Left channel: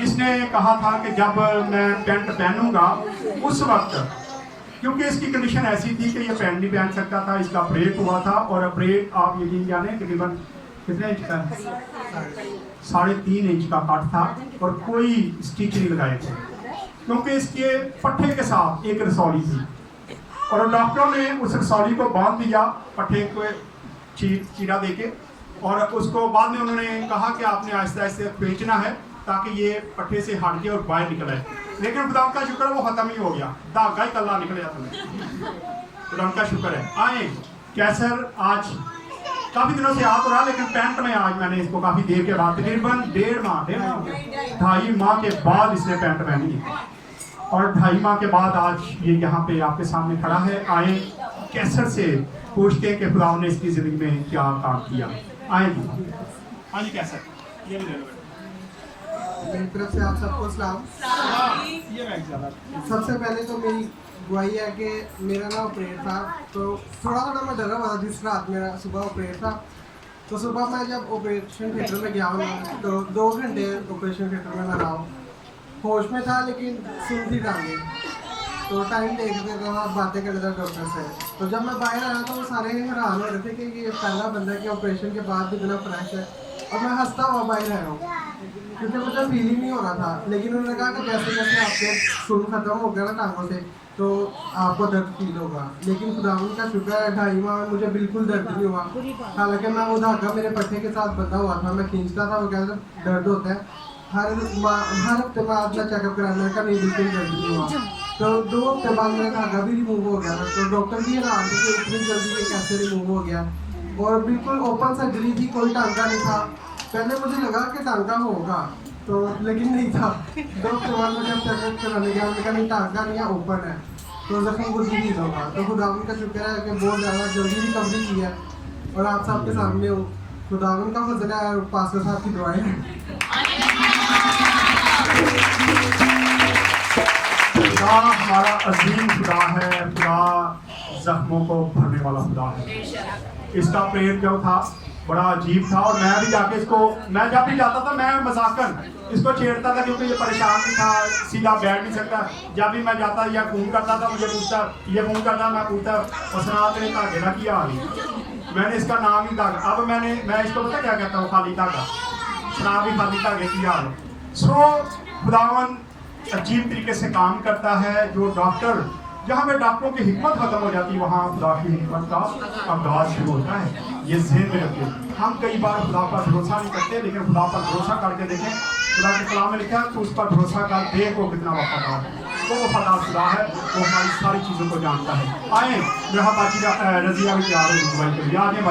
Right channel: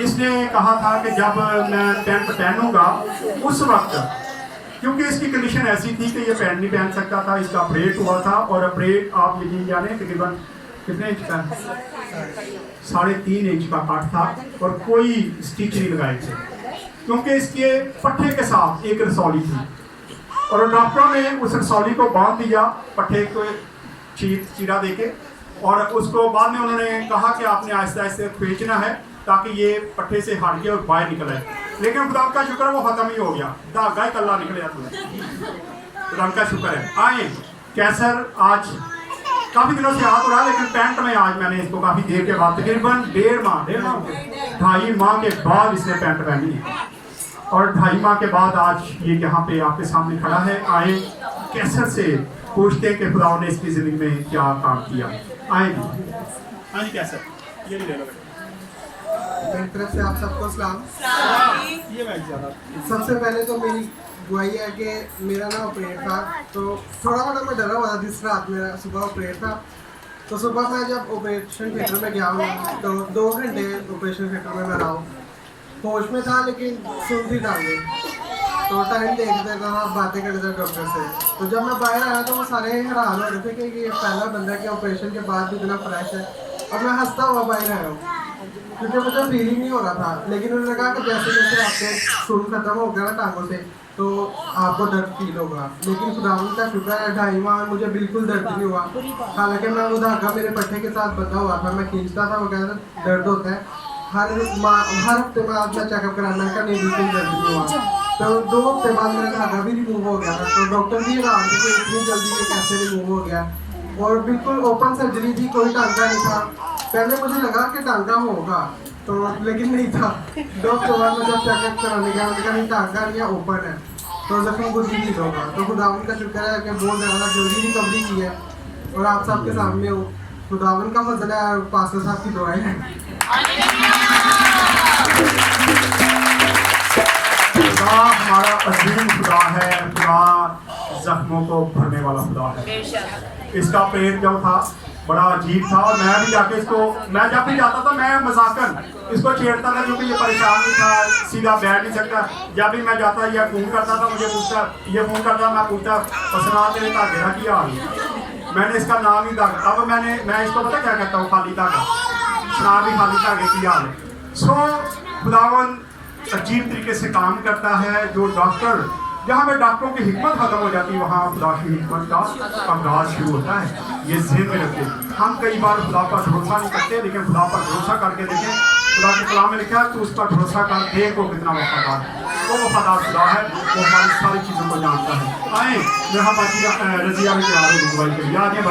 इसने कहा था कि जब मैं पैंट पहनूंगा उस वक्त, क्योंकि इसकी कंडीशन ऐसी थी कि ये पैंट नहीं पहन सकता था, इसका ऑपरेट हुआ था। और ऑपरेट आप यकीन जाने तकरीबन कितने इंच का, 3.5 इंच का कट था और कोई स्टिच नहीं लगाए थे, क्योंकि इसके पट्टे के साथ एक रसौली थी और डॉक्टरों ने उस रसौली को बांध दिया पट्टे को चीरा दे के, और उसको बाद में उन्होंने कहा कि आपने आहिस्ते आहिस्ते खींचना है ताकि ये पट्टे से हट के और बाहर निकल आए। लेकिन खुदा का शुक्र वो खत्म ही हो गया, धागा ही कल्ला निकले तुम्हें, खुदा का शुक्र है। आए कैसर आज काफ़ी दिनों से याद हो रहा है, लेकिन पैंट में आज मैंने इसको काफ़ी देर के बाद तकरीबन 2.5 माह के बाद इसने पैंट पहनी और 2.5 माह के बाद आज ये यहाँ पे आपके सामने खड़ा है। आए कैसर से पूछते हैं कि खुदा ने इसकी ज़िंदगी में क्या काम किया। आए जी, हाँ जी कैसर, ये ले लो मेरी तरफ से आप सबको सलाम। सबसे पहले तो मेरी गुआई है कि मेरा ना ऑपरेट था, तो थोड़ा मैं डरा हुआ था जिस रात मेरा सुबह ऑपरेट था। तो सुबह मैं जब ऑपरेशन थिएटर में गया हूँ तो 2 घंटे ऑपरेशन थिएटर में मैं रहा हूँ, होश में था लेकिन सुन थी टांगे, तो टाइम देखते था, बातें करते थे डॉक्टर से। तो जब मैं बाहर आया तो वो सारे हैरान हो रहे थे कि ये पहला बंदा कि ऑपरेशन के बाद भी इतना फ्रेश है, और मैं हंसता हुआ बाहर आया हूँ क्योंकि मुझे फीलिंग नहीं हो रहा था। लेकिन उन्होंने कहा कि जैसे जैसे आपके खून खत्म हो गया ना टांगों से तो आपको दर्द फील होगा। लेकिन खुदावंद का शुक्र है 2.5 माह में मुझे बिल्कुल दर्द नहीं हुआ। हालांकि मैं वो धागा मेरे पट्टे के साथ बंधा हुआ था, मैं खींचता था, वो कहता था दर्द होता है। हर हफ्ते में अपना चेकअप कराना का नहीं, बिल्कुल दर्द नहीं हुआ। तो 2 हफ्ते बाद मेरा धागा भी रिमूव हो गया था, तो डॉक्टर भी हैरान थे कि इतनी जल्दी ये कैसे रिमूव हो गया। और बिल्कुल ओपन सर्जरी थी, कोई टांका नहीं था। पहले मुझे लगा कि टांका होगा तो, लेकिन नहीं था। 2 हफ्ते बाद मैं जब चेकअप कराने गया उन्होंने कहा नहीं टांका नहीं है, ओपन है, तो जख्म कुछ भी नहीं होगा। तो खुदावन का शुक्र है कि बहुत ज़्यादा जल्दी रिकवरी की है और आप सबके सामने हो। खुदावन का फजल है और पास्टर साहब की दुआएं हैं। खुदा हमारा अजीम खुदा है, खुदा जख्मों को भरने वाला खुदा है। इसका पेट जो था बड़ा अजीब था और मैं भी जाके इसको, मैं जब भी जाता था मैं मजाकन इसको छेड़ता था क्योंकि ये परेशान भी था, सीधा बैठ नहीं सकता। जब भी मैं जाता या फ़ोन करता था, मुझे पूछता, ये फ़ोन करता, मैं पूछता पसना तेरे धागे का क्या हाल है। मैंने इसका नाम ही धागा, अब मैं इसको पता क्या कहता हूँ, खाली धागा, सुना भी खाली धागे की हाल है। सो खुदावन अजीब तरीके से काम करता है। जो डॉक्टर, जहाँ पे डॉक्टरों की हिकमत खत्म हो जाती है वहाँ खुदा की हिकमत का आगाज शुरू होता है। ये ज़हन में रखें। हम कई बार खुदा पर भरोसा नहीं करते, लेकिन खुदा पर भरोसा करके देखें। खुदा के कलाम में लिखा है तो उस पर भरोसा कर, देख वो कितना वफादार है। वो वफादार खुदा है, वो हमारी सारी चीज़ों को जानता है। आए मेरा बाकी रजिया में तैयार हो,